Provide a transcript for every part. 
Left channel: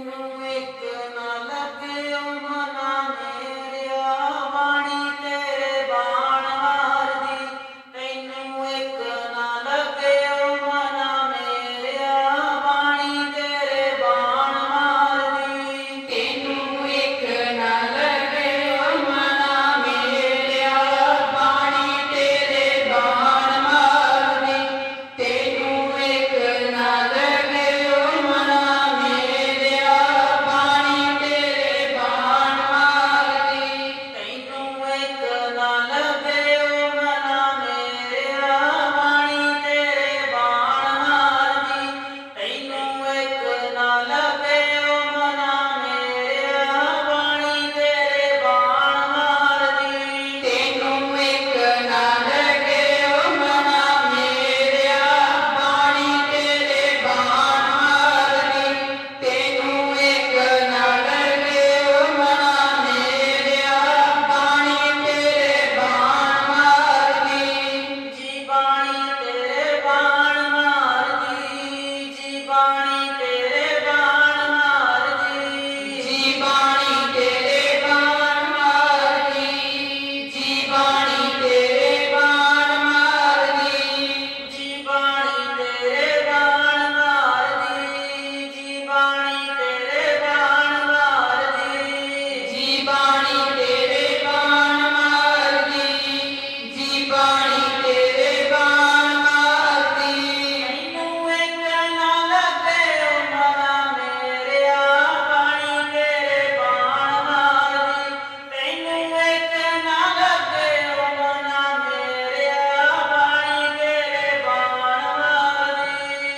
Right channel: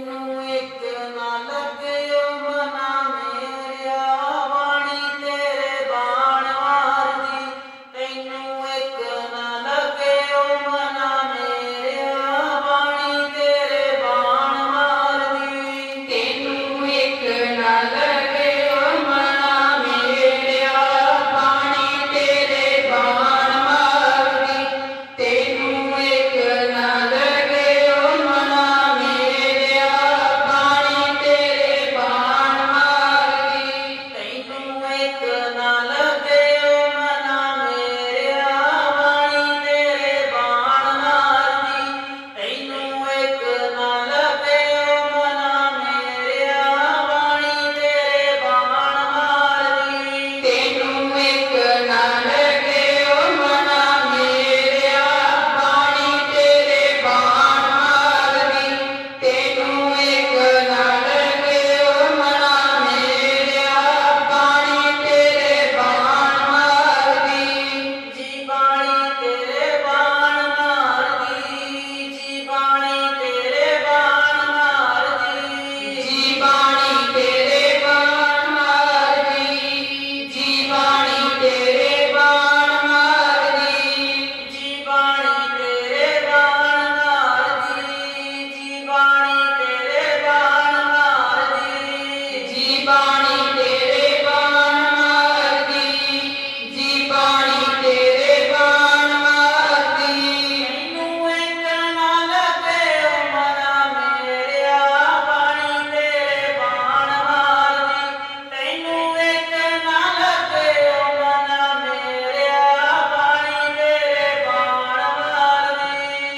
You. Like the night.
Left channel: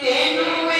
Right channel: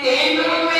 Tenham